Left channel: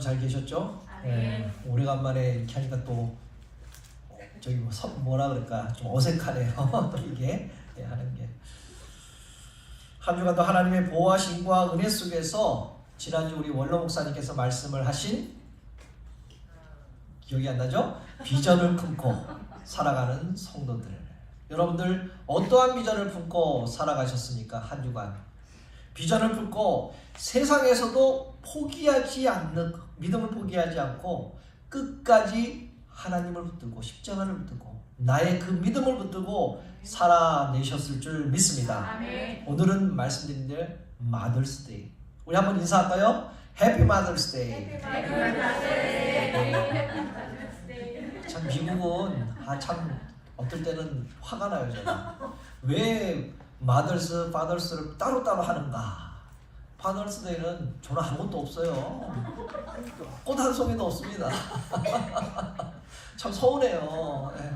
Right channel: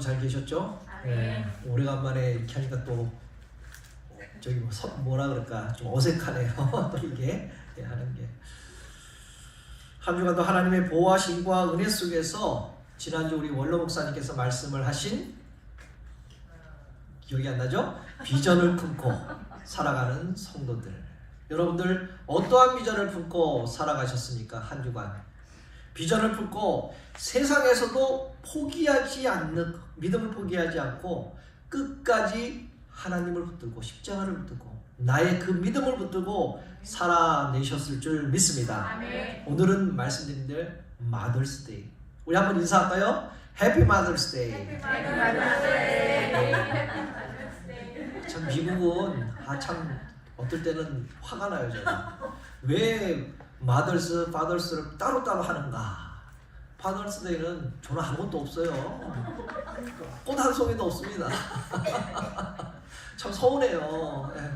잘 계셨죠? 네. 오래간만에 이렇게 하니까 또 저기 뭐라 그럴까 좀 어색하네요. 또 이게 하는 게. 한 주간도 하나님의 보호하심과 은혜 속에서 지난주 우리 원로 목사님께서 말씀을 하신 기억이 안 나죠? 비전을 품고 살아가는 성도들. 여러분들 어떠한 비전을 품고 살아가셨습니까? 한 주간 비전을 품고 세상에서도 포기하지 않는 믿음을 포기하지 않고 끝까지 하나님을 붙들고 십자가를 붙들고 나의 그 믿음을 붙들고 살아내셨을 줄 믿습니다. 아멘. 오늘은 말씀드린 대로 마더스데이. 우리 한번 인사할까요? 해피 마더스데이. 참 미국은 참 어떨 때는 화가 나요. 제가 왜 마더스, 파더스를 따로따로 하는가? 파더스데이는 저는 아무것도 없어요. 꽃 한 송이도 없습니다. 참 서운해요. 네.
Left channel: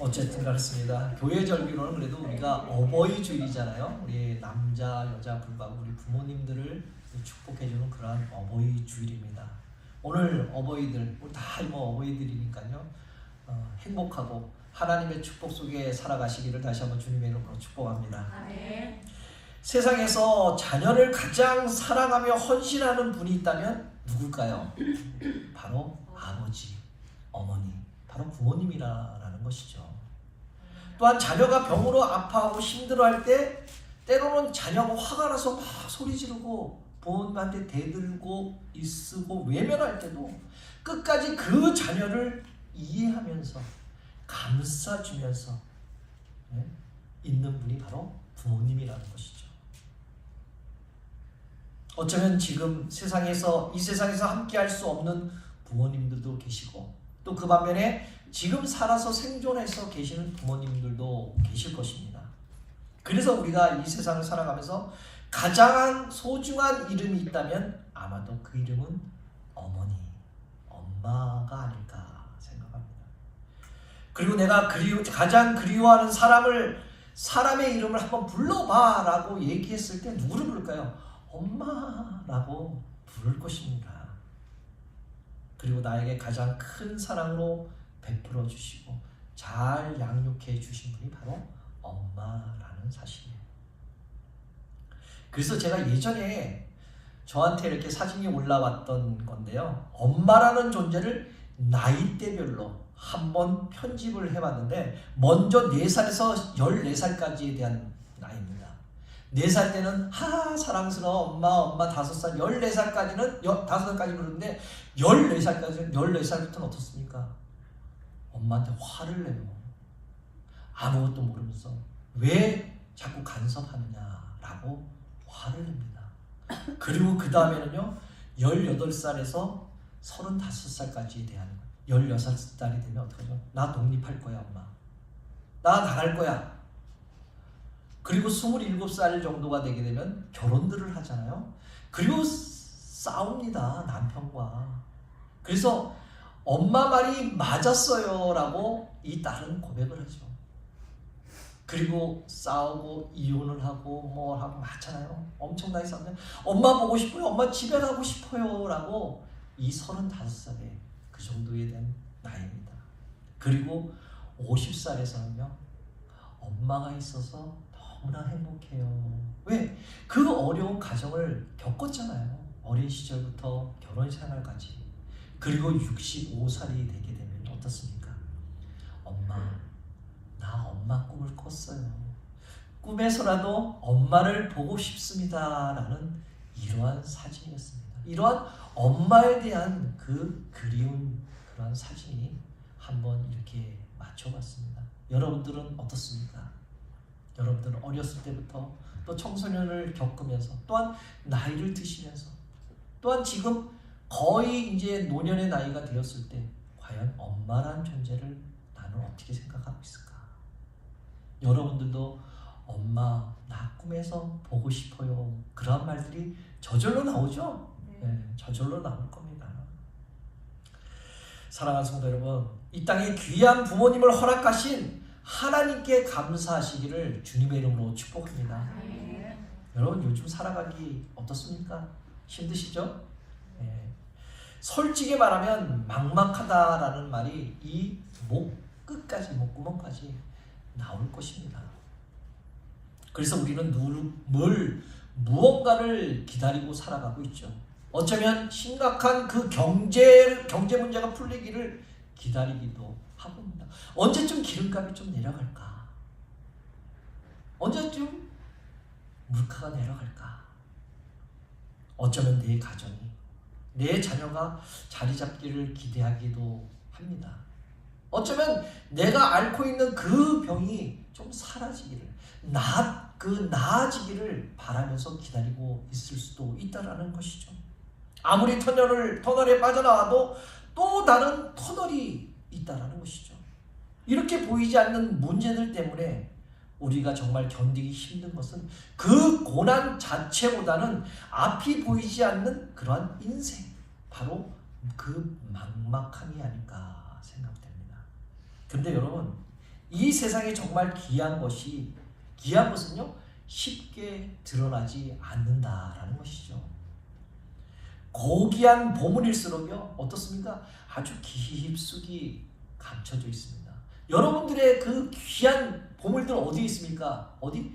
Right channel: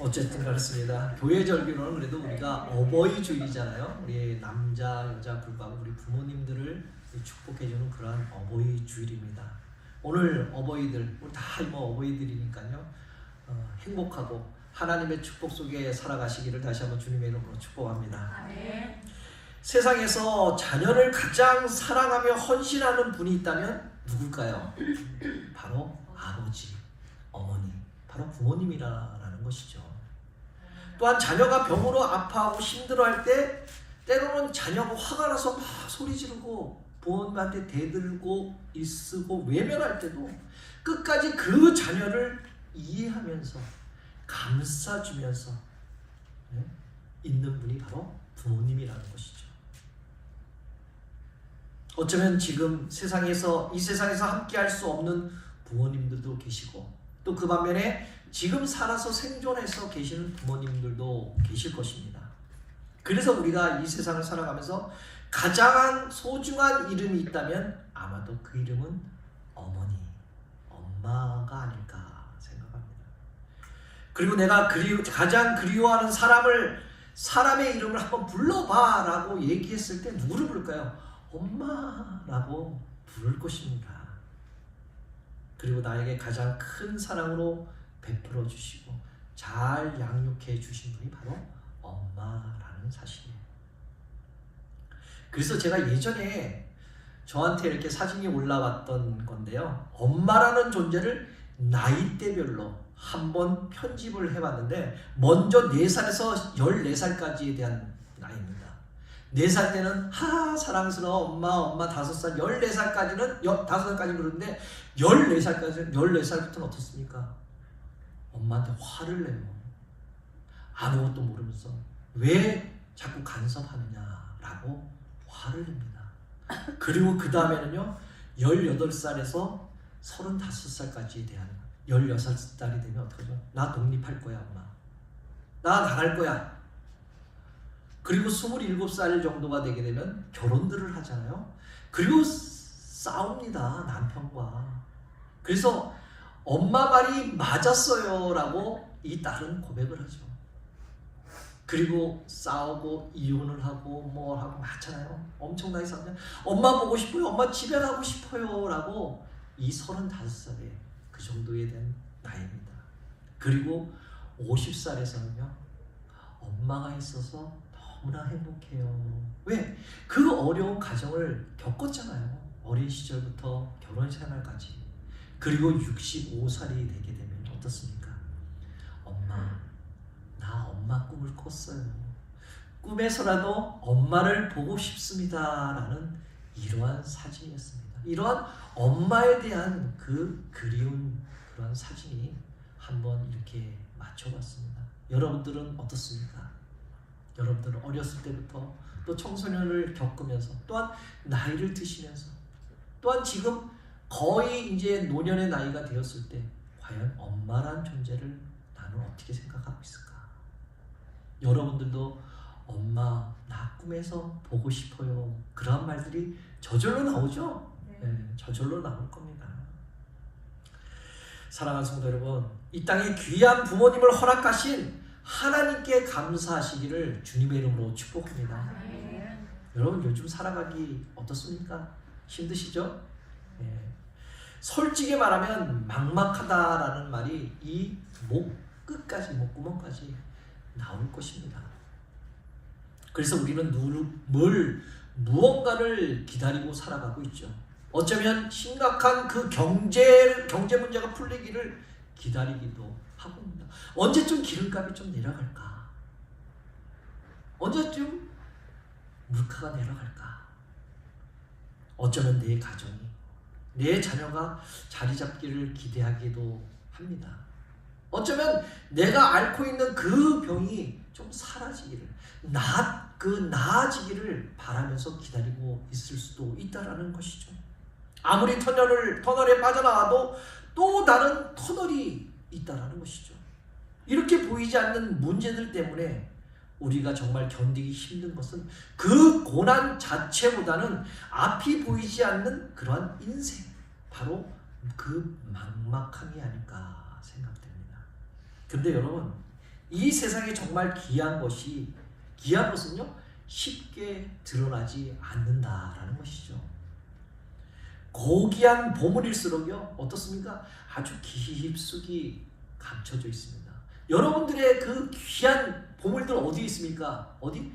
어쨌든 그렇습니다. 교회절기로는 그래도 우리가 어버이주일이잖아요. 우리 남자, 여자 불구하고 우리 부모님들을 축복해주는 그러한 어버이주일입니다. 오늘 어버이들, 우리 다 어버이들이니까요. 행복하고 하나님의 축복 속에 살아가시기를 다시 한번 주님의 이름으로 축복합니다. 아멘. 세상에서 자녀를 가장 사랑하며 헌신하는 분이 있다면 누굴까요? 바로 아버지, 어머니, 바로 부모님이라는 것이죠. 또한 자녀가 병으로 아파하고 힘들어할 때 때로는 자녀가 화가 나서 막 소리 지르고 부모님한테 대들고 일쓰고 외면할 때도 끝까지 그 자녀를 이해하면서 감싸주면서 있는 분이 바로 부모님이라는 것이죠. 어쩌면 지금 이 세상에서 함께할 수 없는 부모님들도 계시고 또 그 반면에 지금 살아서 생존해서 계시는 부모님들도 계실 것입니다. 그래서 우리가 이 세상을 살아가면서 가장 소중한 이름이 있다면 아마도 그 이름은 어머니, 엄마가 아닐까 생각합니다. 그리고 내가 가장 그리워하는 사람의 이름을 한번 불러봐 라고 얘기했을 때 누구를 부를까요? 엄마라고 부를 것입니다. 그리고 나에게 가장 큰 사랑으로 베풀어 주시고 잘 양육해 주신 분이 바로 엄마라는 사실이에요. 그래서 제가 예전에 저한테 이렇게 사진이 올라왔던 건데요. 엄마라는 존재를 나이대별로 한번 편집을 해봤는데 먼저 4살에서 14살까지에 대한 나이입니다. 4살 때는 사랑스러워 엄마 5살 14살까지는 5살까지 그러는데 14살부터는 어떻습니까? 엄마한테 화를 내요. 아무것도 모르면서 왜 자꾸 간섭하느냐라고 화를 냅니다. 그리고 그 다음에는요 18살에서 35살까지에 대한 16살이 되면 어떡하죠? 나 독립할 거야 엄마. 나 나갈 거야. 그리고 27살 정도가 되게 되면 결혼들을 하잖아요. 그리고 싸웁니다. 남편과. 그래서 엄마 말이 맞았어요 라고 이 딸은 고백을 하죠. 그리고 싸우고 이혼을 하고 하고 많잖아요. 엄청나게 싸우면 엄마 보고 싶어요. 엄마 집에 가고 싶어요 라고 이 35살에 그 정도에 대한 나이입니다. 그리고 50살에서는요. 엄마가 있어서 너무나 행복해요. 왜? 그 어려운 가정을 겪었잖아요. 어린 시절부터 결혼 생활까지. 그리고 65살이 되게 되면 어떻습니까? 나 엄마 꿈을 꿨어요. 꿈에서라도 엄마를 보고 싶습니다 라는 이러한 사진이었습니다. 이러한 엄마에 대한 그 그리운 그러한 사진이 한번 이렇게 맞춰봤습니다. 여러분들은 어떻습니까? 여러분들은 어렸을 때부터 또 청소년을 겪으면서 또한 나이를 드시면서 또한 지금 거의 이제 노년의 나이가 되었을 때 과연 엄마란 존재를 나는 어떻게 생각하고 있을까? 여러분들도 엄마 나 꿈에서 보고 싶어요. 그런 말들이 저절로 나오죠? 네, 저절로 나올 겁니다. 사랑하는 성도 여러분, 이 땅에 귀한 부모님을 허락하신 하나님께 감사하시기를 주님의 이름으로 축복합니다. 여러분 요즘 살아가기 어떻습니까? 힘드시죠? 예. 솔직히 말하면 막막하다라는 말이 이 목 끝까지, 목구멍까지 나올 것입니다. 그래서 우리는 무언가를 기다리고 살아가고 있죠. 어쩌면 심각한 그 경제 문제가 풀리기를 기다리기도 하고 있습니다. 언제쯤 기름값이 좀 내려갈까? 언제쯤 물가가 내려갈까? 어쩌면 내 가정이, 내 자녀가 자리 잡기를 기대하기도 합니다. 어쩌면 내가 앓고 있는 그 병이 좀 사라지기를, 나아지기를 바라면서 기다리고 있을 수도 있다라는 것이죠. 아무리 터널에 빠져나와도 또 다른 터널이 있다라는 것이죠. 이렇게 보이지 않는 문제들 때문에 우리가 정말 견디기 힘든 것은 그 고난 자체보다는 앞이 보이지 않는 그러한 인생, 바로 그 막막함이 아닐까 생각됩니다. 근데 여러분, 이 세상에 정말 귀한 것은요, 쉽게 드러나지 않는다라는 것이죠. 고귀한 보물일수록요, 어떻습니까? 아주 깊숙이 감춰져 있습니다. 여러분들의 그 귀한 보물들 어디 있습니까? 어디?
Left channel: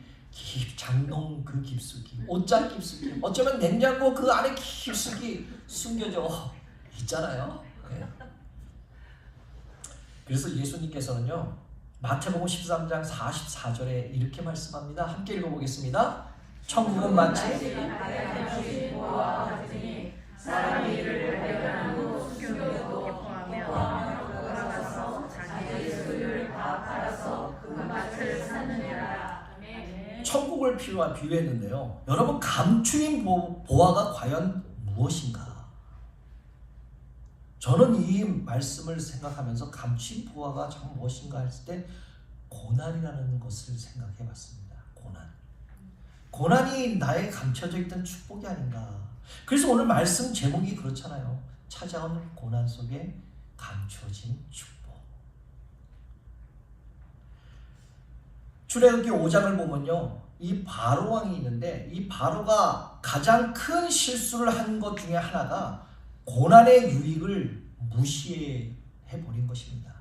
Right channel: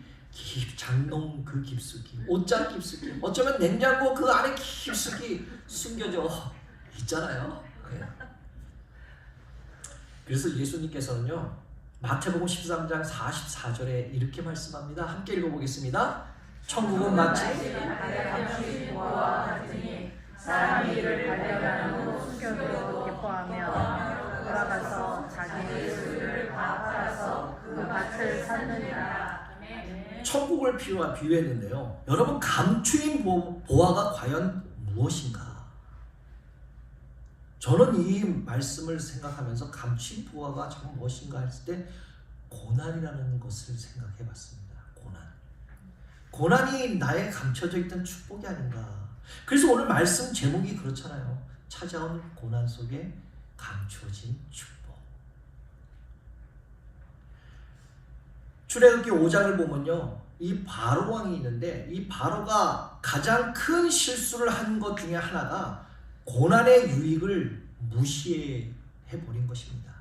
장롱 그 깊숙이, 옷장 깊숙이, 어쩌면 냉장고 그 안에 깊숙이 숨겨져 있잖아요. 네. 그래서 예수님께서는요, 마태복음 13장 44절에 이렇게 말씀합니다. 함께 읽어보겠습니다. 천국은 마치 사람이 이를 발견한 후 숨겨두고 기뻐하며 돌아가서 자기의 소유를 다 팔아서 그 밭을 샀느니라. 천국을 비유했는데요. 여러분, 감추인 보화가 과연 무엇인가? 저는 이 말씀을 생각하면서 감추인 보화가 참 무엇인가 했을 때 고난이라는 것을 생각해 봤습니다. 고난이 나의 감춰져 있던 축복이 아닌가. 그래서 오늘 말씀 제목이 그렇잖아요. 찾아온 고난 속에 감추어진 축복. 출애굽기 5장을 보면요, 이 바로 왕이 있는데 이 바로가 가장 큰 실수를 한 것 중에 하나가 고난의 유익을 무시해 버린 것입니다.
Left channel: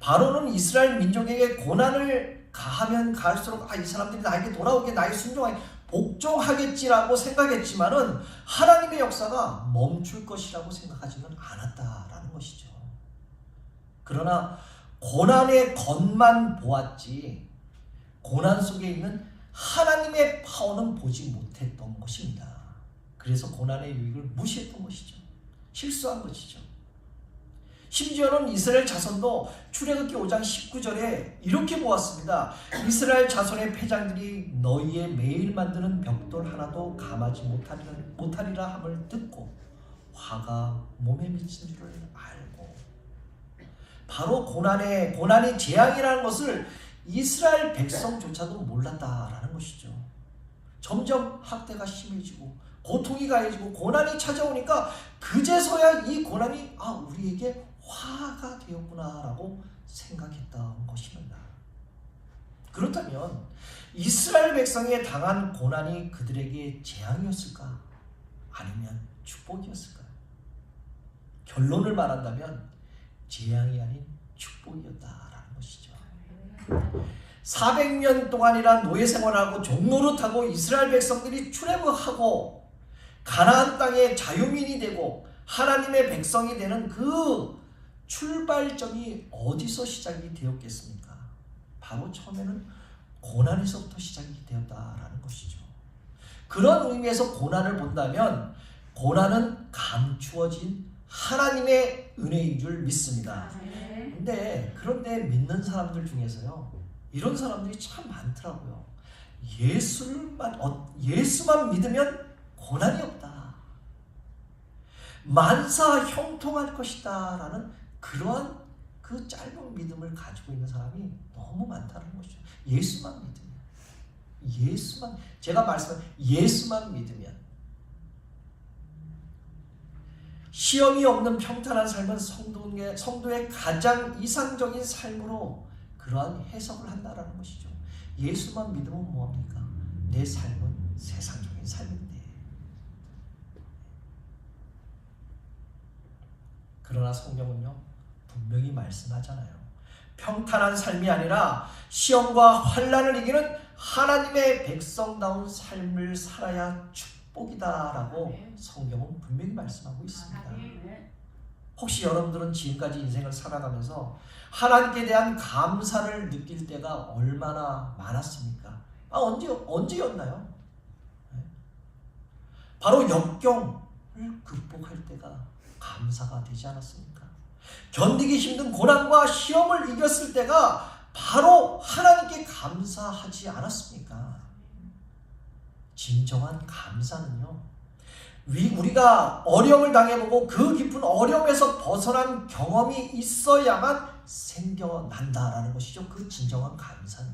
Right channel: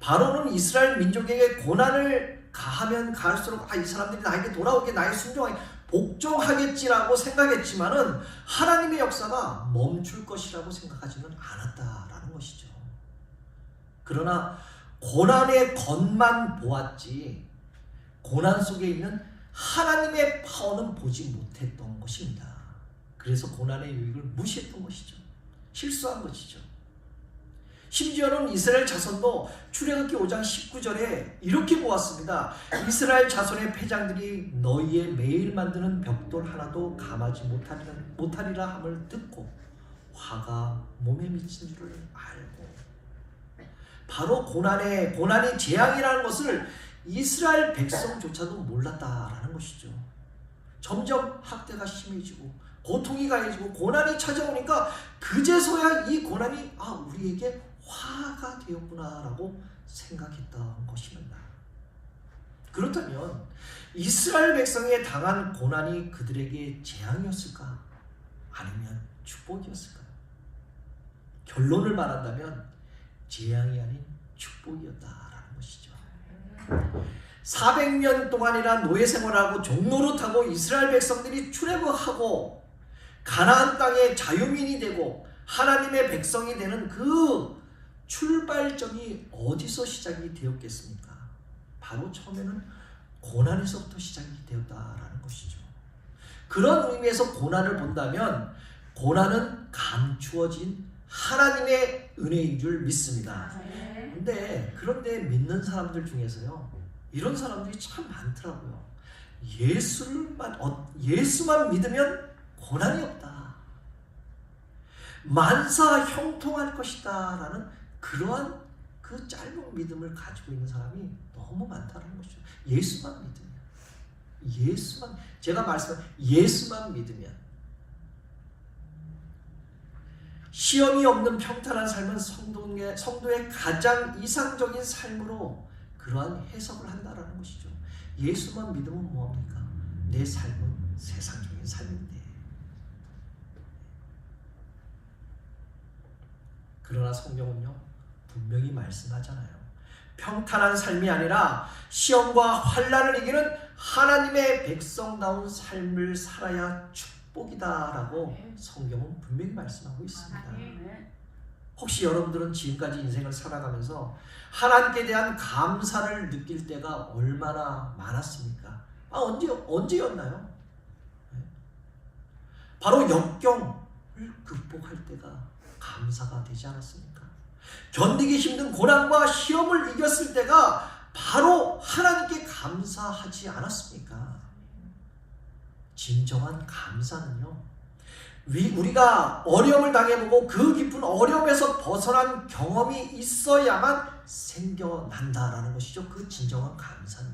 바로는 이스라엘 민족에게 고난을 가하면 가할수록 이 사람들이 나에게 돌아오게, 나의 순종하게 복종하겠지라고 생각했지만은 하나님의 역사가 멈출 것이라고 생각하지는 않았다라는 것이죠. 그러나 고난의 겉만 보았지 고난 속에 있는 하나님의 파워는 보지 못했던 것입니다. 그래서 고난의 유익을 무시했던 것이죠. 실수한 것이죠. 심지어는 이스라엘 자손도 출애굽기 5장 19절에 이렇게 보았습니다. 이스라엘 자손의 패장들이 너희의 매일 만드는 벽돌 하나도 감하지 못하리라 함을 듣고 화가 몸에 미친 줄을 알고, 바로 고난이 재앙이라는 것을 이스라엘 백성조차도 몰랐다라는 것이죠. 점점 학대가 심해지고 고통이 가해지고 고난이 찾아오니까 그제서야 이 고난이 우리에게 화가 되었구나라고 생각했던 것입니다. 그렇다면 이스라엘 백성에 당한 고난이 그들에게 재앙이었을까? 아니면 축복이었을까? 결론을 말한다면 재앙이 아닌 축복이었다라는 것이죠. 400년 동안이나 노예 생활하고 종노릇하고 이스라엘 백성들이 출애굽하고 가나안 땅의 자유민이 되고 하나님의 백성이 되는 그 출발점이 어디서 시작이 되었겠습니까? 바로 처음에는 고난에서부터 시작이 되었다라는 것이죠. 그런 의미에서 고난을 본다면 고난은 감추어진 하나님의 은혜인 줄 믿습니다. 그런데 믿는 사람들 중에서요, 이런 사람들이 참 많더라고요. 예수만 믿으면 고난이 없다. 만사 형통할 것이다 라는 그러한 그 짧은 믿음을 가지고 있는 사람이 너무 많다는 것이죠. 예수만 믿으면, 예수만 믿으면, 시험이 없는 평탄한 삶은 성도의 가장 이상적인 삶으로 그러한 해석을 한다는 것이죠. 예수만 믿으면 뭐합니까? 내 삶은 세상적인 삶인데. 그러나 성경은요 분명히 말씀하잖아요. 평탄한 삶이 아니라 시험과 환난을 이기는 하나님의 백성다운 삶을 살아야 축복이다라고 성경은 분명히 말씀하고 있습니다. 혹시 여러분들은 지금까지 인생을 살아가면서 하나님께 대한 감사를 느낄 때가 얼마나 많았습니까? 언제였나요? 바로 역경을 극복할 때가 감사가 되지 않았습니까? 견디기 힘든 고난과 시험을 이겼을 때가 바로 하나님께 감사하지 않았습니까? 진정한 감사는요, 우리가 어려움을 당해보고 그 깊은 어려움에서 벗어난 경험이 있어야만 생겨난다라는 것이죠. 그 진정한 감사는.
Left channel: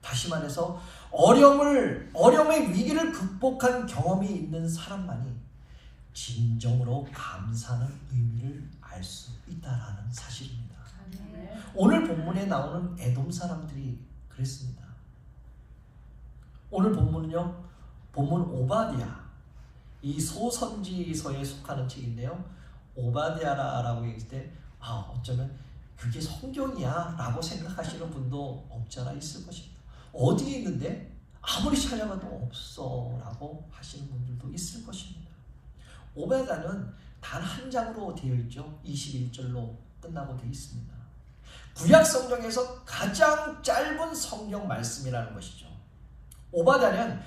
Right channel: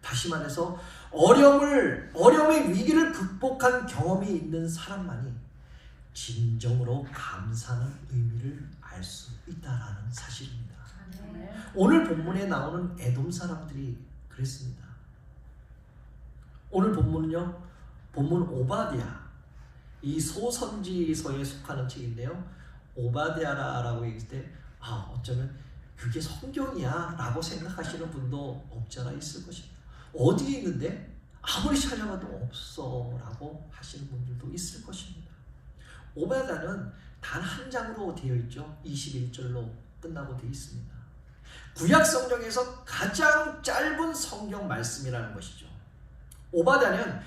다시 말해서 어려움의 위기를 극복한 경험이 있는 사람만이 진정으로 감사하는 의미를 알 수 있다라는 사실입니다. 오늘 본문에 나오는 에돔 사람들이 그랬습니다. 오늘 본문은요, 본문 오바댜, 이 소선지서에 속하는 책인데요, 오바댜라고 얘기할 때 어쩌면 그게 성경이야 라고 생각하시는 분도 없지 않아 있을 것입니다. 어디에 있는데 아무리 찾아봐도 없어 라고 하시는 분들도 있을 것입니다. 오바댜는 단 한 장으로 되어 있죠. 21절로 끝나고 되어 있습니다. 구약 성경에서 가장 짧은 성경 말씀이라는 것이죠. 오바댜는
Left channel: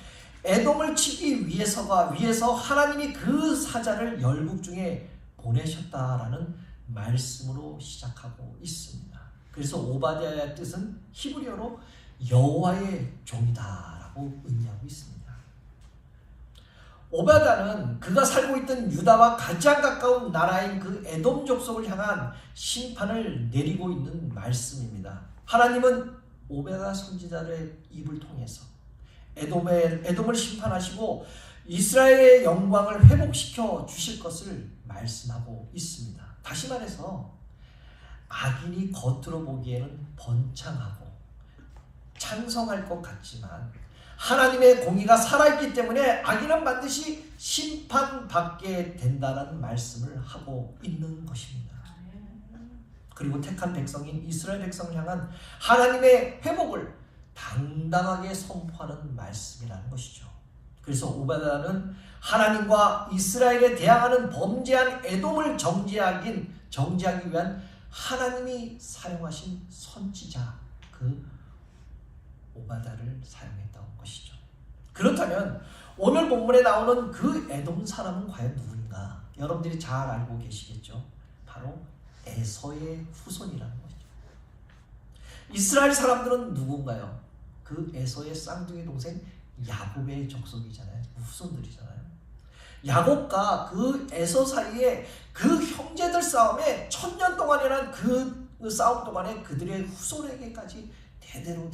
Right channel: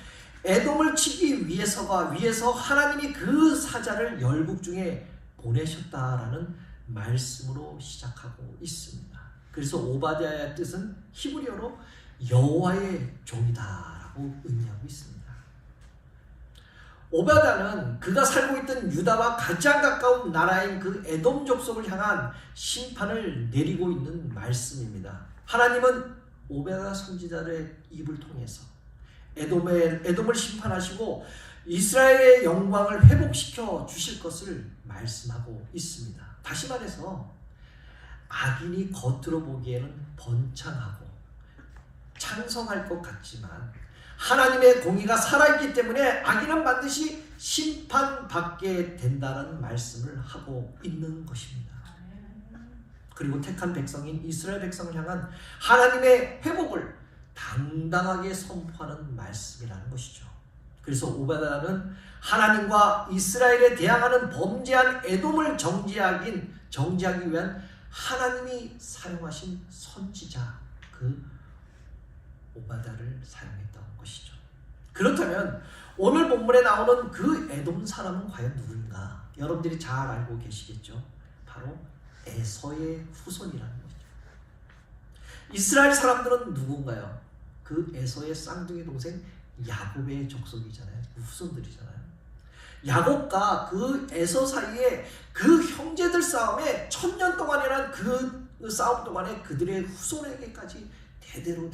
에돔을 치기 위해서 하나님이 그 사자를 열국 중에 보내셨다라는 말씀으로 시작하고 있습니다. 그래서 오바댜의 뜻은 히브리어로 여호와의 종이다라고 의미하고 있습니다. 오바댜는 그가 살고 있던 유다와 가장 가까운 나라인 그 에돔 족속을 향한 심판을 내리고 있는 말씀입니다. 하나님은 오바댜 선지자의 입을 통해서 에돔을 심판하시고 이스라엘의 영광을 회복시켜 주실 것을 말씀하고 있습니다. 다시 말해서 악인이 겉으로 보기에는 번창하고 찬성할 것 같지만 하나님의 공의가 살아있기 때문에 악인은 반드시 심판받게 된다는 말씀을 하고 있는 것입니다. 그리고 택한 백성인 이스라엘 백성을 향한 하나님의 회복을 당당하게 선포하는 말씀이라는 것이죠. 그래서 오바댜는 하나님과 이스라엘에 대항하는 범죄한 에돔을 정죄하기 위한 하나님이 사용하신 선지자 그 오바댜를 사용했던 것이죠. 그렇다면 오늘 본문에 나오는 그 에돔 사람은 과연 누구인가? 여러분들이 잘 알고 계시겠죠. 바로 에서의 후손이라는 것이죠. 이스라엘 사람들은 누군가요? 그 에서의 쌍둥이 동생 야곱의 족속이잖아요. 후손들이잖아요. 야곱과 그 에서 사이에 그 형제들 싸움에 1000년 동안이란 그 싸움 동안에 그들의 후손에게까지 대대로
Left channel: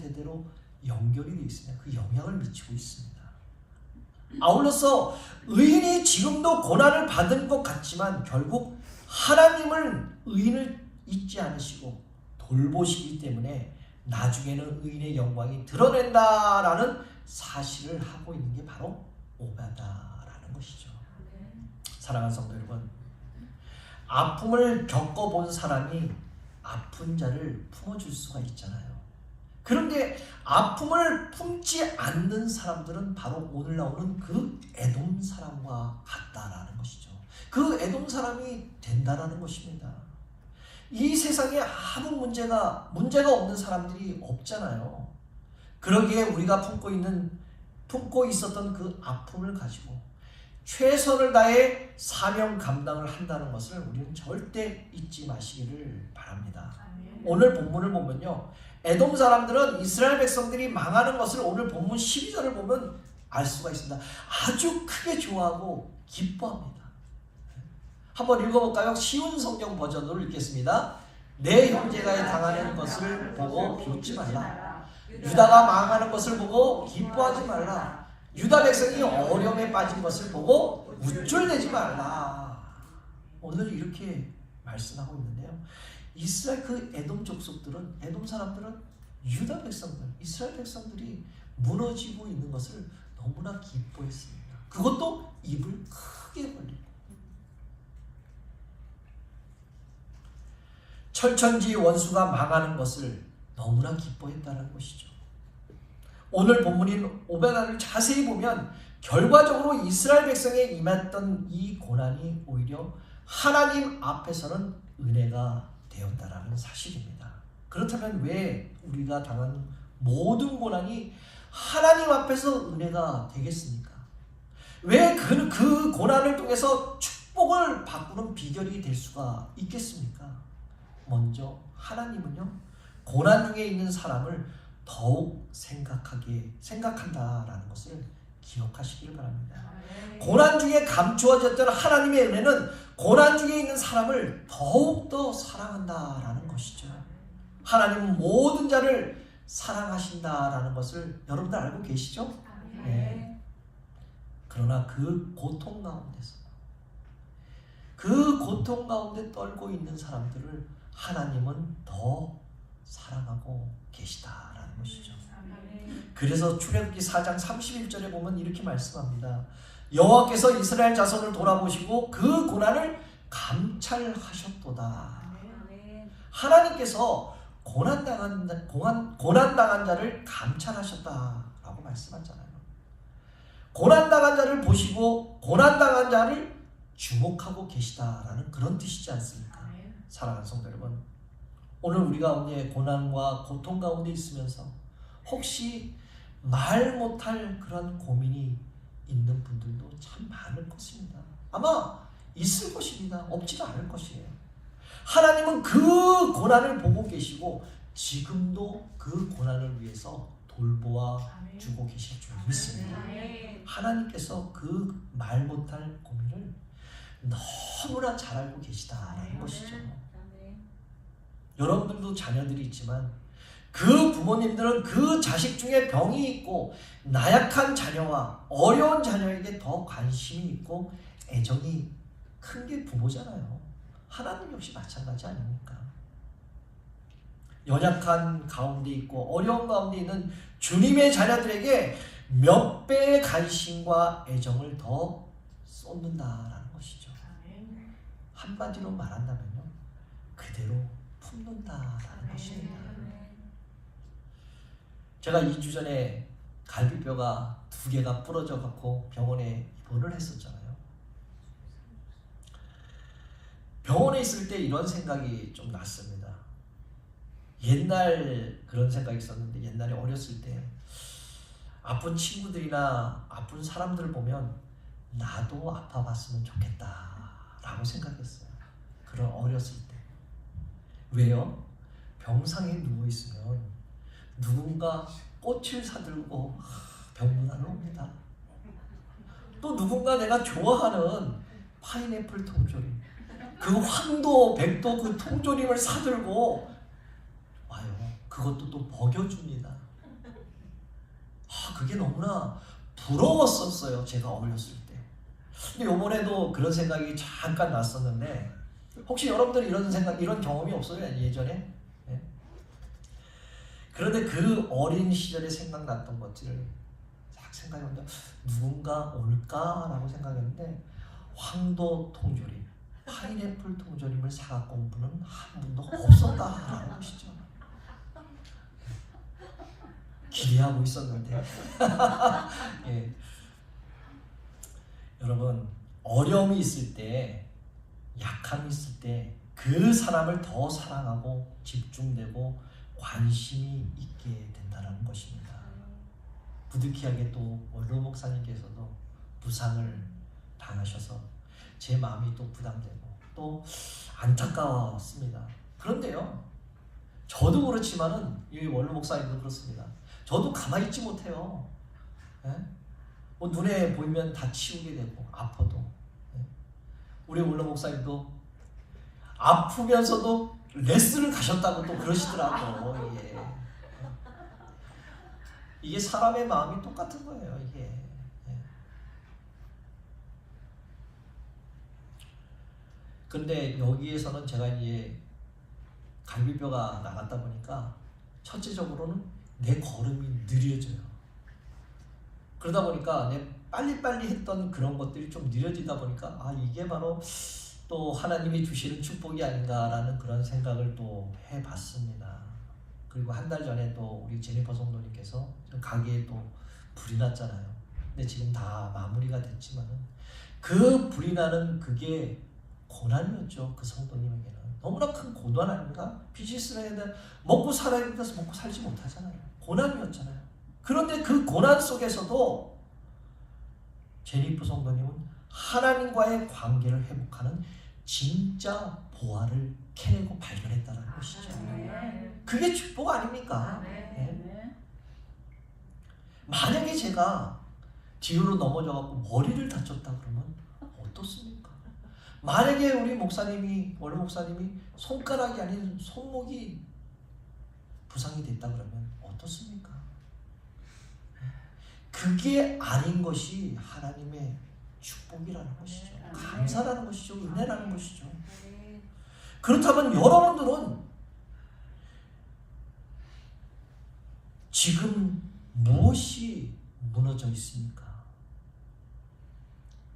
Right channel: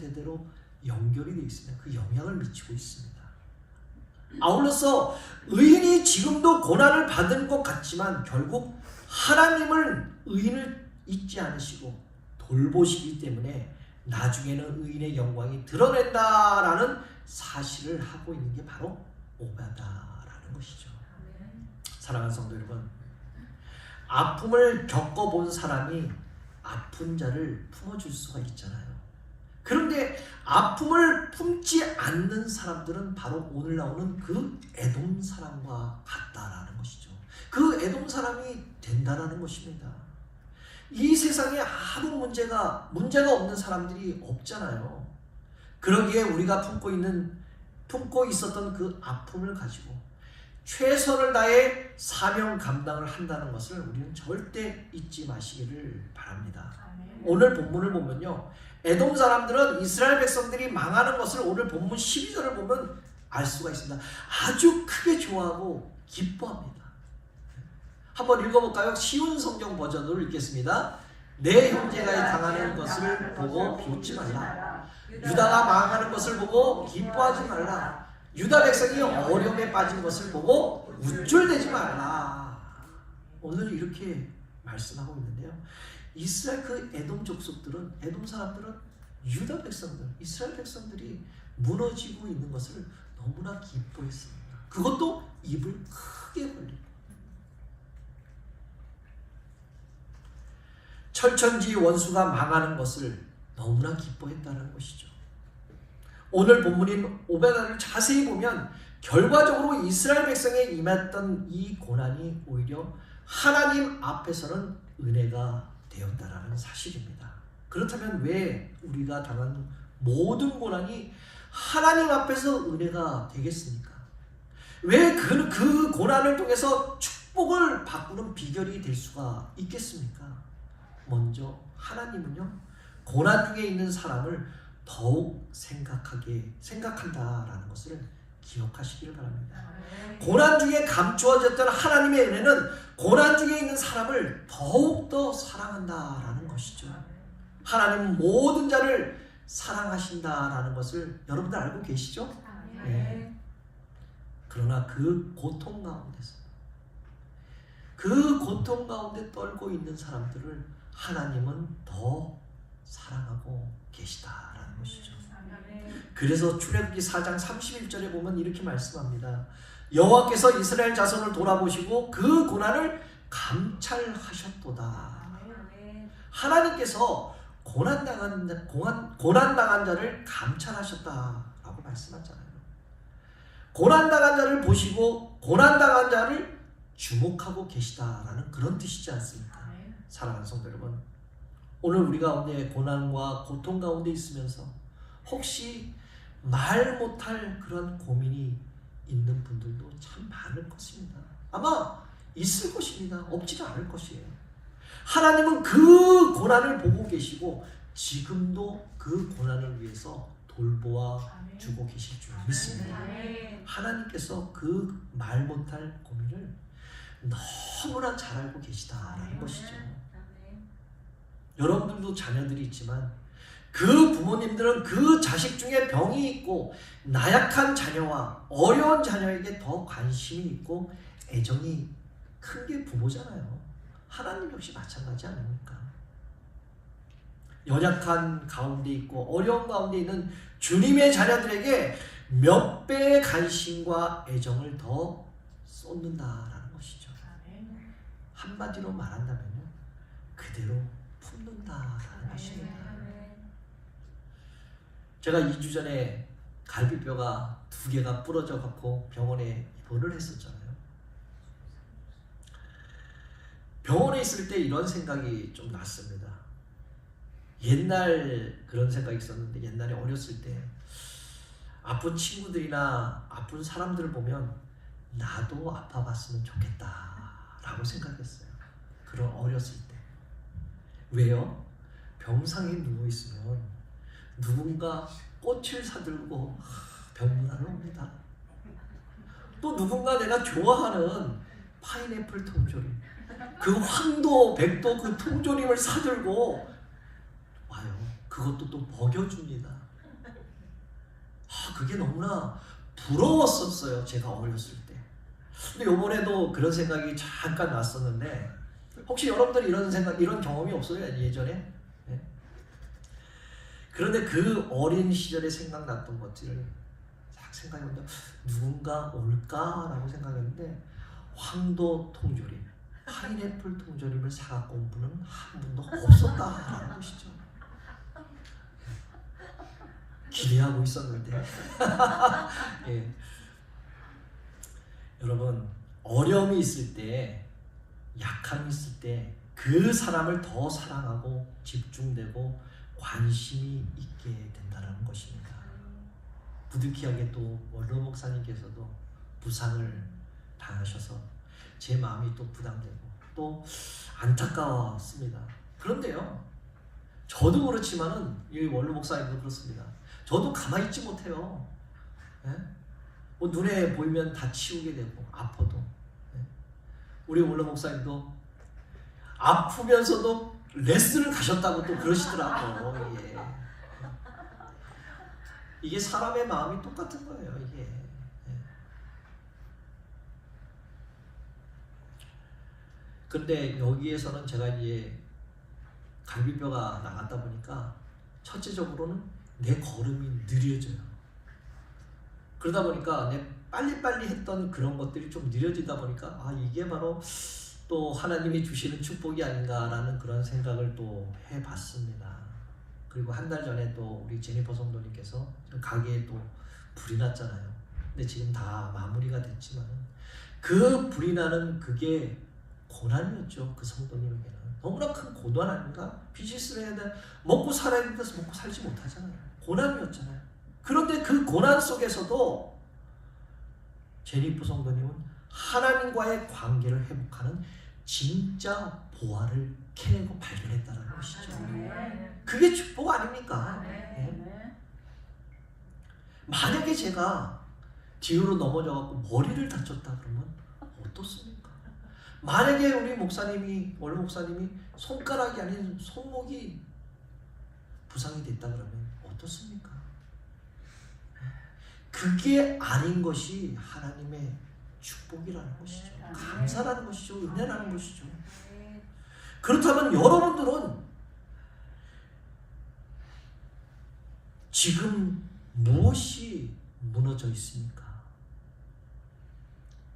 연결이 되어 있습니다. 그 영향을 미치고 있습니다. 아울러서 의인이 지금도 고난을 받은 것 같지만 결국 의인을 잊지 않으시고 돌보시기 때문에 나중에는 의인의 영광이 드러낸다라는 사실을 하고 있는 게 바로 오바댜라는 것이죠. 사랑하는 성도 여러분, 아픔을 겪어본 사람이 아픈 자를 품어줄 수가 있잖아요. 그런데 아픔을 품지 않는 사람들은 바로 오늘 나오는 그 에돔 사람과 같다라는 것이죠. 그 에돔 사람이 된다라는 것입니다. 이 세상에 아무 문제가 없는 사람들이 없잖아요. 그러기에 우리가 품고 있었던 그 아픔을 가지고 최선을 다해 사명 감당을 한다는 것을 우리는 절대 잊지 마시기를 바랍니다. 오늘 본문을 보면요, 에돔 사람들은 이스라엘 백성들이 망하는 것을 오늘 본문 12절을 보면 알 수가 있습니다. 아주 크게 좋아하고 기뻐합니다. 한번 읽어볼까요? 쉬운 성경 버전으로 읽겠습니다. 내 형제가 당하는 것을 보고 비웃지 말라. 유다가 망하는 것을 보고 기뻐하지 말라. 유다 백성이 어려움에 빠진 것을 보고 우쭐대지 말라. 오늘 이렇게 말씀하고 있는데요, 이스라엘 그 에돔 족속들은, 에돔 사람들은 유다 백성들, 이스라엘 백성들이 무너지고 있는 것을 너무나 기뻐했습니다. 그것도 입을 크게 벌리고. 철천지 원수가 망하는 것을 너무나 기뻐했다는 것이죠. 오늘 본문인 오베나를 자세히 보면 결과적으로 이스라엘 백성에 임했던 이 고난이 오히려 하나님 앞에서는 은혜가 되었다라는 사실입니다. 그렇다면 왜 우리가 당한 모든 고난이 하나님 앞에서 은혜가 되겠습니까? 왜 그 고난을 통해서 축복을 바꾸는 비결이 될 수가 있겠습니까? 먼저 하나님은요, 고난 중에 있는 사람을 더욱 생각한다라는 것을 기억하시길 바랍니다. 고난 중에 감추어졌던 하나님의 은혜는 고난 중에 있는 사람을 더욱더 사랑한다라는 것이죠. 하나님은 모든 자를 사랑하신다라는 것을 여러분들 알고 계시죠? 네. 그러나 그 고통 가운데 떨고 있는 사람들을 하나님은 더 사랑하고 계시다라는 것이죠. 그래서 출애굽기 4장 31절에 보면 이렇게 말씀합니다. 여호와께서 이스라엘 자손을 돌아보시고 그 고난을 감찰하셨도다. 하나님께서 고난당한 자를 감찰하셨다라고 말씀하잖아요. 고난당한 자를 보시고 고난당한 자를 주목하고 계시다라는 그런 뜻이지 않습니까? 사랑하는 성도 여러분, 오늘 우리 가운데 고난과 고통 가운데 있으면서 혹시 말 못할 그런 고민이 있는 분들도 참 많을 것입니다. 아마 있을 것입니다. 없지는 않을 것이에요. 하나님은 그 고난을 보고 계시고 지금도 그 고난을 위해서 돌보아 주고 계실 줄 믿습니다. 하나님께서 그 말 못할 고민을 너무나 잘 알고 계시다라는 것이죠. 여러분들도 자녀들이 있지만 그 부모님들은 그 자식 중에 병이 있고 나약한 자녀와 어려운 자녀에게 더 관심이 있고 애정이 큰 게 부모잖아요. 하나님 역시 마찬가지 아닙니까? 연약한 가운데 있고 어려운 가운데 있는 주님의 자녀들에게 몇 배의 관심과 애정을 더 쏟는다라는 것이죠. 한마디로 말한다면요, 그대로 품는다라는 것입니다. 제가 2주 전에 갈비뼈가 2개가 부러져 갖고 병원에 입원을 했었잖아요. 병원에 있을 때 이런 생각이 좀 났습니다. 옛날 그런 생각이 있었는데, 옛날에 어렸을 때 아픈 친구들이나 아픈 사람들을 보면 나도 아파봤으면 좋겠다 라고 생각했어요. 그런 어렸을 때. 왜요? 병상에 누워있으면 누군가 꽃을 사들고 병문안을 옵니다. 또 누군가 내가 좋아하는 파인애플 통조림, 그 황도, 백도 그 통조림을 사들고 와요. 그것도 또 먹여줍니다. 그게 너무나 부러웠었어요. 제가 어렸을 때. 근데 요번에도 그런 생각이 잠깐 났었는데, 혹시 여러분들이 이런 경험이 없어요? 예전에? 네? 그런데 그 어린 시절에 생각났던 것들을 딱 생각해보면 누군가 올까라고 생각했는데, 황도 통조림, 파인애플 통조림을 사갖고 온 분은 한 분도 없었다라는 것이죠. 기대하고 있었는데. 예. 여러분, 어려움이 있을 때, 약함이 있을 때 그 사람을 더 사랑하고 집중되고 관심이 있게 된다는 것입니다. 부득이하게 또 원로 목사님께서도 부상을 당하셔서 제 마음이 또 부담되고 또 안타까웠습니다. 그런데요, 저도 그렇지만은 이 원로 목사님도 그렇습니다. 저도 가만히 있지 못해요. 예? 뭐 눈에 보이면 다 치우게 되고 아파도. 예? 우리 원로 목사님도 아프면서도 레슨을 가셨다고 또 그러시더라고요. 예. 이게 사람의 마음이 똑같은 거예요. 이게. 예. 근데 여기에서는 제가 이제 갈비뼈가 나갔다 보니까 첫째적으로는 내 걸음이 느려져요. 그러다 보니까 내 빨리빨리 했던 그런 것들이 좀 느려지다 보니까 이게 바로 또 하나님이 주시는 축복이 아닌가라는 그런 생각을 또 해봤습니다. 그리고 한 달 전에 또 우리 제니퍼 성도님께서 가게에 또 불이 났잖아요. 근데 지금 다 마무리가 됐지만 그 불이 나는 그게 고난이었죠. 그 성도님에게는 너무나 큰 고난 아닙니까? 비즈니스를 해야 돼, 먹고 살아야 돼서 먹고 살지 못하잖아요. 고난이었잖아요. 그런데 그 고난 속에서도 제니퍼 성도님은 하나님과의 관계를 회복하는 진짜 보화를 캐내고 발견했다는 것이죠. 그게 축복 아닙니까? 네. 만약에 제가 뒤로 넘어져갖고 머리를 다쳤다 그러면 어떻습니까? 만약에 우리 목사님이, 원래 목사님이 손가락이 아닌 손목이 부상이 됐다 그러면 어떻습니까? 그게 아닌 것이 하나님의 축복이라는 것이죠. 감사라는 것이죠. 은혜라는 것이죠. 그렇다면 여러분들은 지금 무엇이 무너져 있습니까?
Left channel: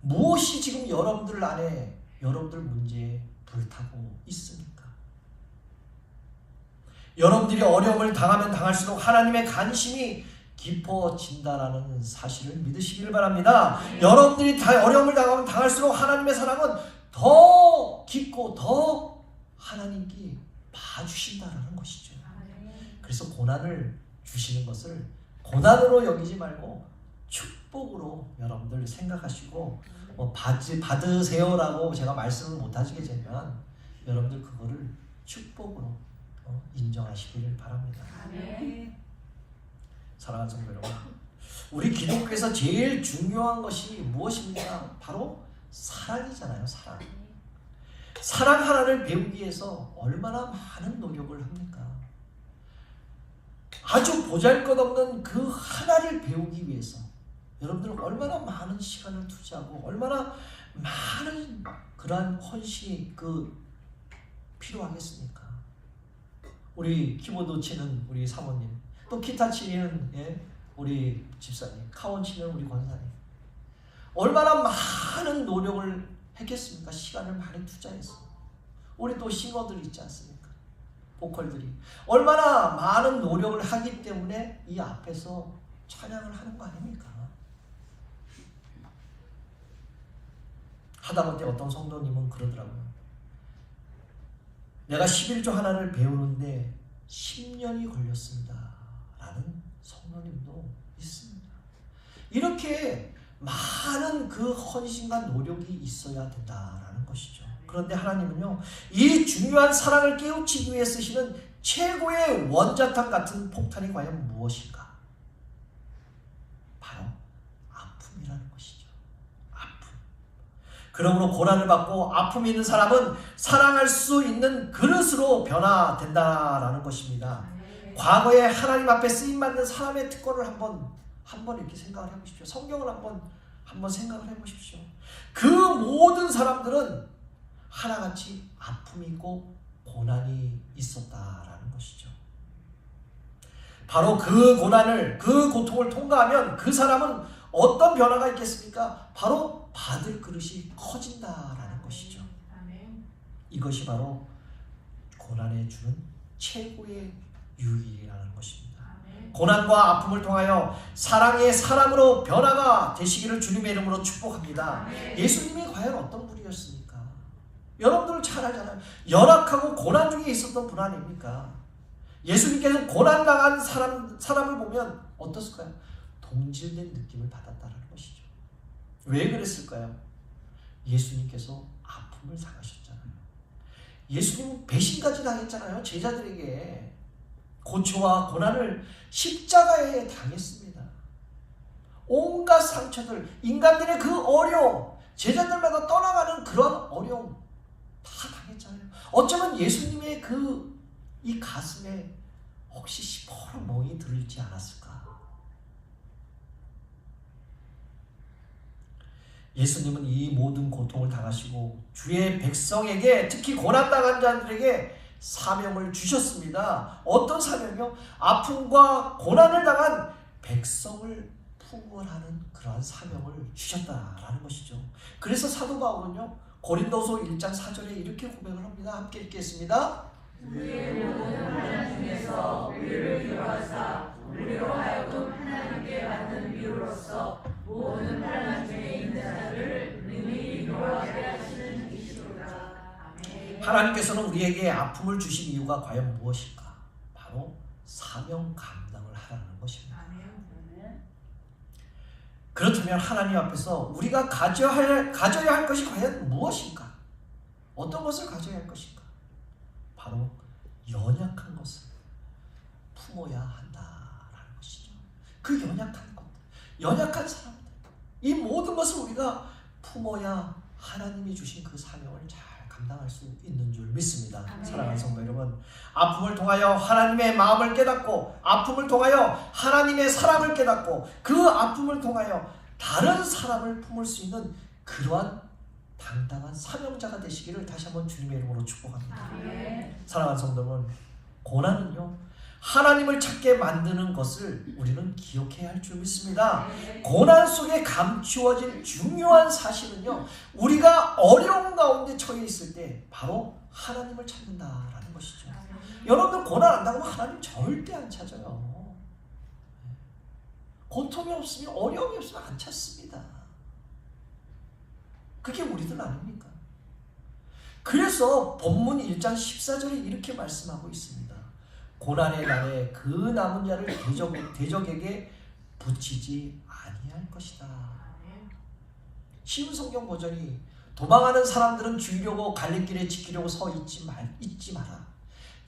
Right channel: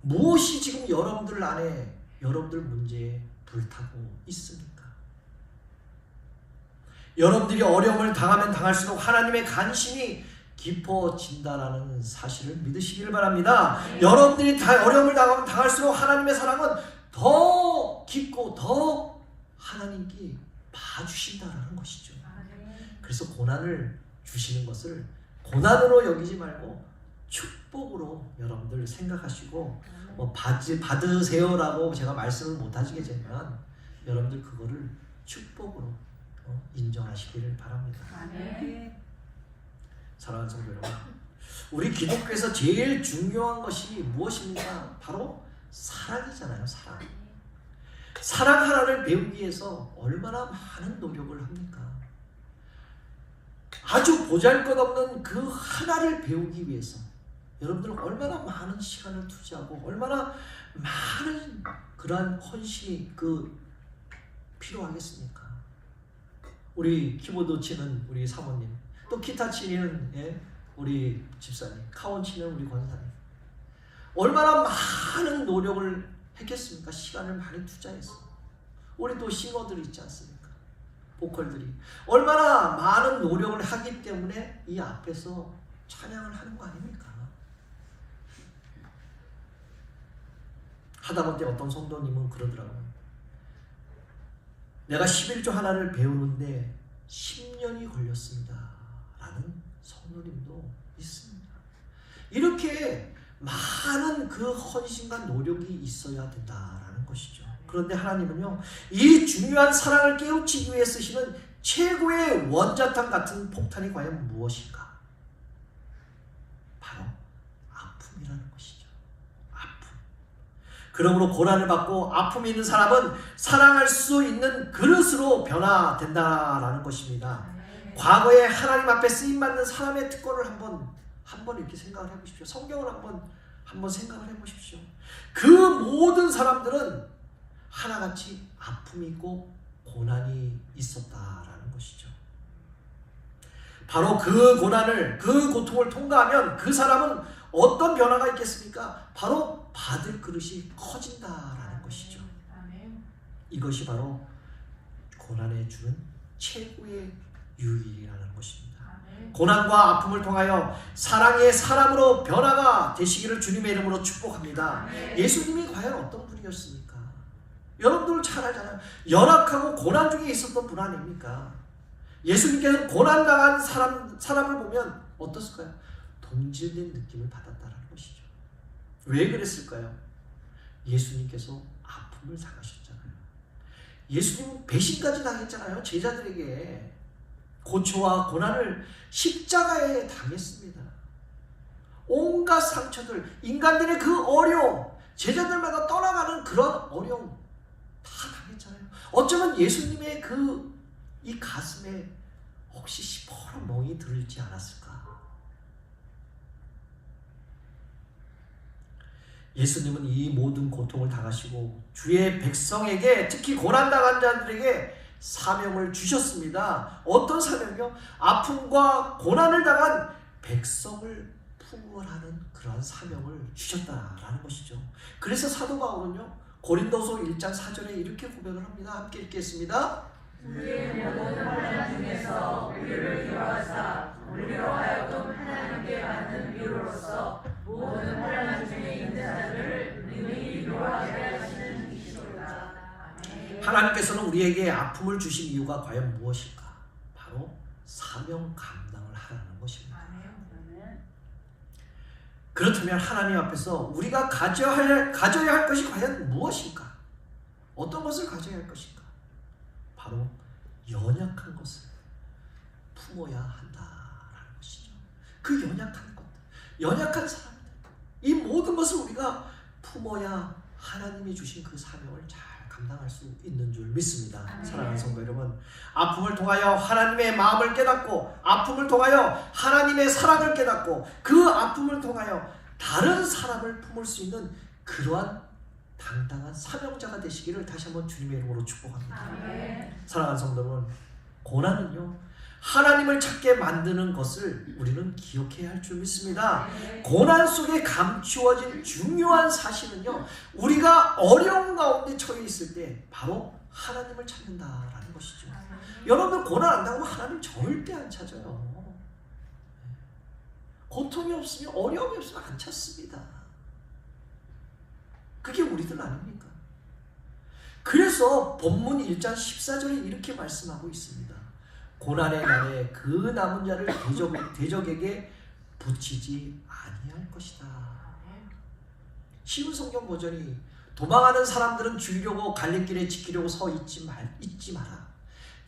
무엇이 지금 여러분들 안에, 여러분들 문제에 불타고 있습니까? 여러분들이 어려움을 당하면 당할수록 하나님의 관심이 깊어진다라는 사실을 믿으시길 바랍니다. 여러분들이 어려움을 당하면 당할수록 하나님의 사랑은 더 깊고 더 하나님께 봐주신다라는 것이죠. 그래서 고난을 주시는 것을 고난으로 여기지 말고 축복으로 여러분들 생각하시고 받으세요라고 제가 말씀을 못 하시게 되면 여러분들 그거를 축복으로 인정하시기를 바랍니다. 사랑하는 성도 여러분, 우리 기독교에서 제일 중요한 것이 무엇입니까? 바로 사랑이잖아요. 사랑. 사랑 하나를 배우기 위해서 얼마나 많은 노력을 합니까? 아주 보잘것없는 그 하나를 배우기 위해서 여러분들은 얼마나 많은 시간을 투자하고 얼마나 많은 그러한 헌신이 필요하겠습니까? 우리 키보드 치는 우리 사모님, 또 기타 치는 우리 집사님, 카운 치는 우리 권사님, 얼마나 많은 노력을 했겠습니까? 시간을 많이 투자해서. 우리 또 싱어들이 있지 않습니까? 보컬들이 얼마나 많은 노력을 하기 때문에 이 앞에서 찬양을 하는 거 아닙니까? 하다못해 어떤 성도님은 그러더라고요. 내가 11조 하나를 배우는데 10년이 걸렸습니다 라는 성도님도 있습니다. 이렇게 많은 그 헌신과 노력이 있어야 된다라는 것이죠. 그런데 하나님은요, 이 중요한 사랑을 깨우치기 위해 쓰시는 최고의 원자탄 같은 폭탄이 과연 무엇인가? 바로 아픔이라는 것이죠. 아픔. 그러므로 고난을 받고 아픔이 있는 사람은 사랑할 수 있는 그릇으로 변화된다라는 것입니다. 과거에 하나님 앞에 쓰임받는 사람의 특권을 한번 이렇게 생각을 해보십시오. 성경을 한번 생각을 해보십시오. 그 모든 사람들은 하나같이 아픔이 있고 고난이 있었다라는 것이죠. 바로 그 고난을, 그 고통을 통과하면 그 사람은 어떤 변화가 있겠습니까? 바로 받을 그릇이 커진다라는 것이죠. 이것이 바로 고난에 주는 최고의 유익이라는 것입니다. 고난과 아픔을 통하여 사랑의 사람으로 변화가 되시기를 주님의 이름으로 축복합니다. 예수님이 과연 어떤 분이었습니까? 여러분들 잘 알잖아요. 연약하고 고난 중에 있었던 분 아닙니까? 예수님께서 고난당한 사람을 보면 어떻을까요? 동질된 느낌을 받았다는 것이죠. 왜 그랬을까요? 예수님께서 아픔을 당하셨잖아요. 예수님은 배신까지 당했잖아요. 제자들에게 고초와 고난을 십자가에 당했습니다. 온갖 상처들, 인간들의 그 어려움, 제자들마다 떠나가는 그런 어려움 다 당했잖아요. 어쩌면 예수님의 이 가슴에 혹시 시퍼런 멍이 들지 않았을까? 예수님은 이 모든 고통을 당하시고 주의 백성에게, 특히 고난당한 자들에게 사명을 주셨습니다. 어떤 사명이요? 아픔과 고난을 당한 백성을 풍부하는 그러한 사명을 주셨다라는 것이죠. 그래서 사도 바울은요, 고린도서 1장 4절에 이렇게 고백을 합니다. 함께 읽겠습니다. 우리의 모든 환난 중에서 우리를 위로하사 우리로 하여금 하나님께 받는 위로로서 모든 환난 중에 있는 자들을 능히 위로하게 하시는 이시로다. 아멘. 하나님께서는 우리에게 아픔을 주신 이유가 과연 무엇일까? 바로 사명 감당을 하라는 것입니다. 그렇다면 하나님 앞에서 우리가 가져야 할 것이 과연 무엇일까? 어떤 것을 가져야 할 것인가? 바로 연약한 것을 품어야 한다라는 것이죠. 그 연약한 것, 연약한 사람들, 이 모든 것을 우리가 품어야 하나님이 주신 그 사명을 잘 감당할 수 있는 줄 믿습니다. 사랑하는 성도 여러분, 아픔을 통하여 하나님의 마음을 깨닫고, 아픔을 통하여 하나님의 사랑을 깨닫고, 그 아픔을 통하여 다른 사람을 품을 수 있는 그러한 당당한 사명자가 되시기를 다시 한번 주님의 이름으로 축복합니다. 아멘. 사랑하는 성도 여러분, 고난은요 하나님을 찾게 만드는 것을 우리는 기억해야 할 줄 믿습니다. 고난 속에 감추어진 중요한 사실은요, 우리가 어려운 가운데 처해 있을 때 바로 하나님을 찾는다라는 것이죠. 여러분들 고난 안 당하면 하나님 절대 안 찾아요. 고통이 없으면, 어려움이 없으면 안 찾습니다. 그게 우리들 아닙니까? 그래서 본문 1장 14절에 이렇게 말씀하고 있습니다. 고난의 날에 그 남은 자를 대적에게 붙이지 아니할 것이다. 쉬운 성경 버전이, 도망하는 사람들은 죽이려고 갈림길에 지키려고 서 있지 마라.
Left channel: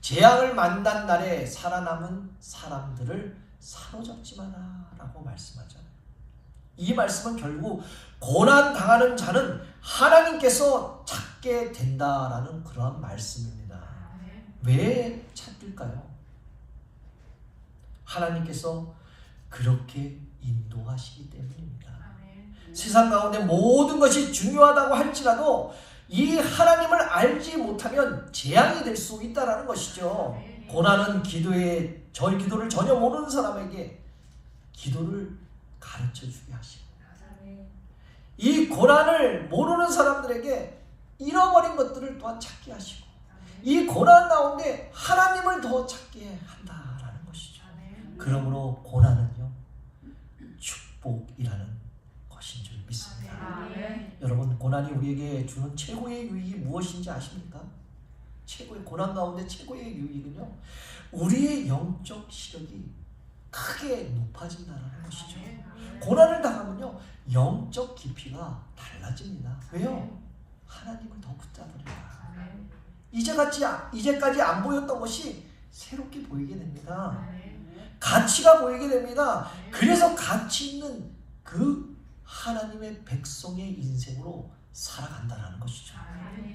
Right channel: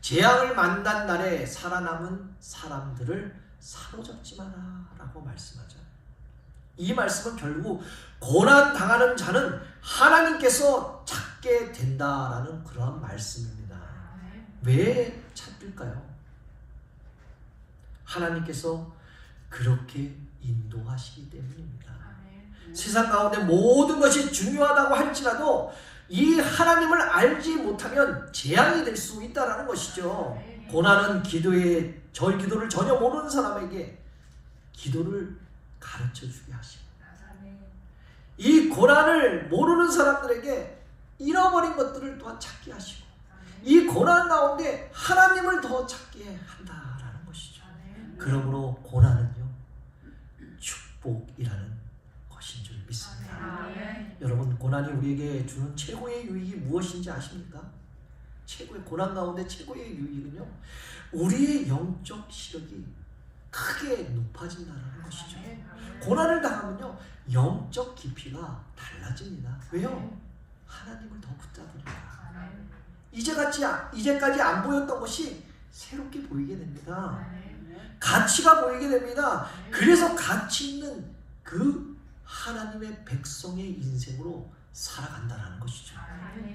재앙을 만난 날에 살아남은 사람들을 사로잡지 마라 라고 말씀하잖아요. 이 말씀은 결국 고난 당하는 자는 하나님께서 찾게 된다라는 그러한 말씀입니다. 왜 찾을까요? 하나님께서 그렇게 인도하시기 때문입니다. 세상 가운데 모든 것이 중요하다고 할지라도 이 하나님을 알지 못하면 재앙이 될 수 있다는 것이죠. 고난은 저희 기도를 전혀 모르는 사람에게 기도를 가르쳐주게 하시고, 이 고난을 모르는 사람들에게 잃어버린 것들을 또한 찾게 하시고, 이 고난 가운데 하나님을 더 찾게 한다라는 것이죠. 그러므로 고난은요 축복이라는 것인 줄 믿습니다. 여러분, 고난이 우리에게 주는 최고의 유익이 무엇인지 아십니까? 최고의 고난 가운데 최고의 유익은요, 우리의 영적 시력이 크게 높아진다는 것이죠. 고난을 당하면요 영적 깊이가 달라집니다. 왜요? 하나님을 더 붙잡으니까. 이제까지 안 보였던 것이 새롭게 보이게 됩니다. 가치가 보이게 됩니다. 그래서 가치 있는 그 하나님의 백성의 인생으로 살아간다는 것이죠.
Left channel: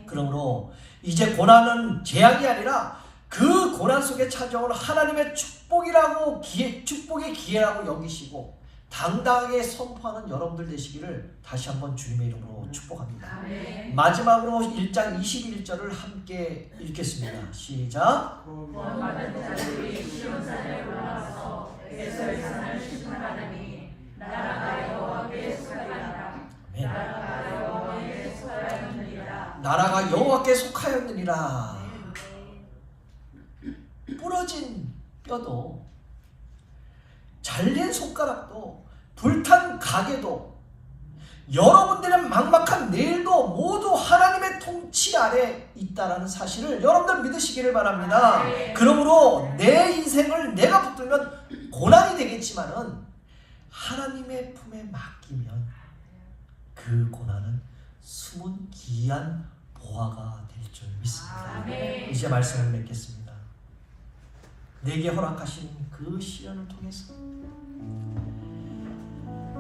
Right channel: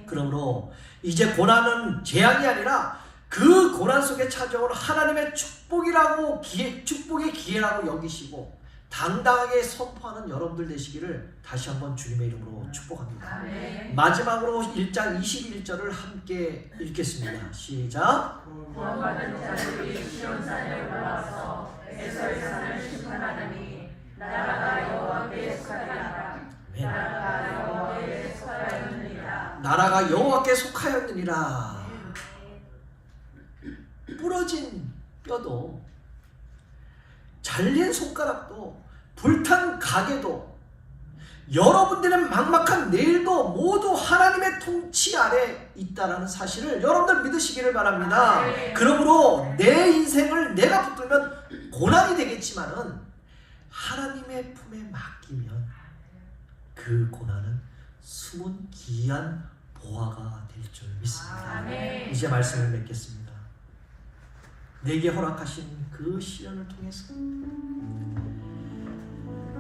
그러므로 이제 고난은 재앙이 아니라 그 고난 속에 찾아오는 하나님의 축복의 기회라고 여기시고 당당하게 선포하는 여러분들 되시기를 다시 한번 주님의 이름으로 축복합니다. 마지막으로 1장 21절을 함께 읽겠습니다. 시작. 구원받은 자들이 시온산에 올라와서 에서의 산을 심판하느니 나라가 여호와께 속하였느니라. 나라가 여호와께 속하였느니라. 부러진 뼈도, 잘린 손가락도, 불탄 가게도, 여러분들의 막막한 내일도 모두 하나님의 통치 아래 있다라는 사실을 여러분들 믿으시기를 바랍니다. 그러므로 내 인생을 내가 붙들면 고난이 되겠지만은 하나님의 품에 맡기면 그 고난은 숨은 귀한 보화가 될 줄 믿습니다. 이제 말씀을 맺겠습니다. 내게 허락하신 그 시련을 통해서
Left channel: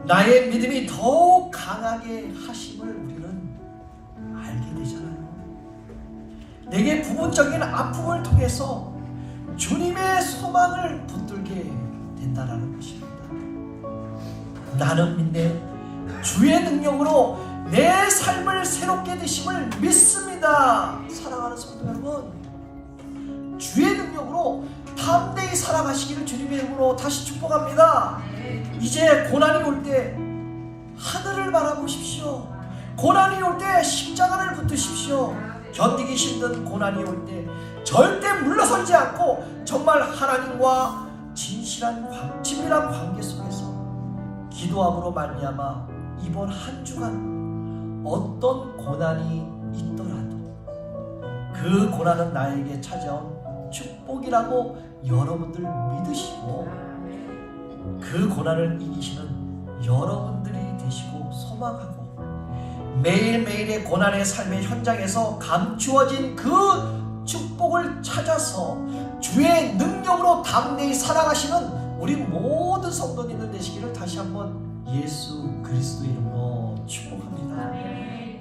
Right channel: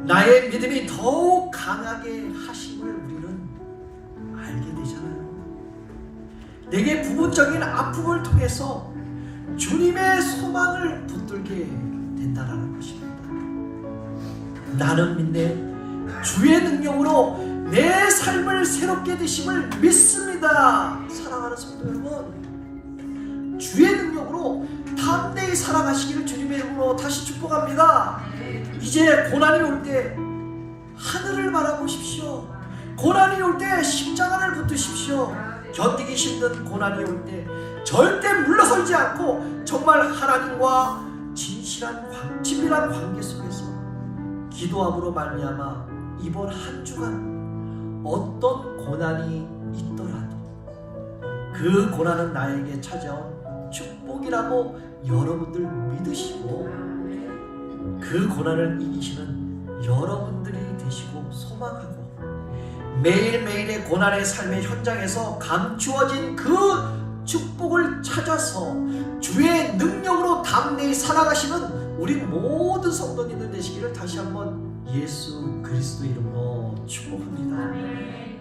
나의 믿음이 더욱 강하게 하심을 우리는 알게 되잖아요. 내게 부분적인 아픔을 통해서 주님의 소망을 붙들게 된다는 것입니다. 나는 믿네 주의 능력으로 내 삶을 새롭게 되심을 믿습니다. 사랑하는 성도 여러분, 주의 능력으로 담대히 살아가시기를 주님의 이름으로 다시 축복합니다. 이제 고난이 올 때 하늘을 바라보십시오. 고난이 올 때 십자가를 붙드십시오. 견디기 힘든 고난이 올 때 절대 물러서지 않고 정말 하나님과 친밀한 관계 속에서 기도함으로 말미암아 이번 한 주간 어떤 고난이 있더라도 그 고난은 나에게 찾아온 축복이라고 여러분들 믿으시고 그 고난을 이기시는 여러분들이 되시고 소망하고 매일매일의 고난의 삶의 현장에서 감추어진 그 축복을 찾아서 주의 능력으로 담대히 살아가시는 우리 모든 성도님들 되시기를 다시 한번 예수 그리스도 이름으로 축복합니다.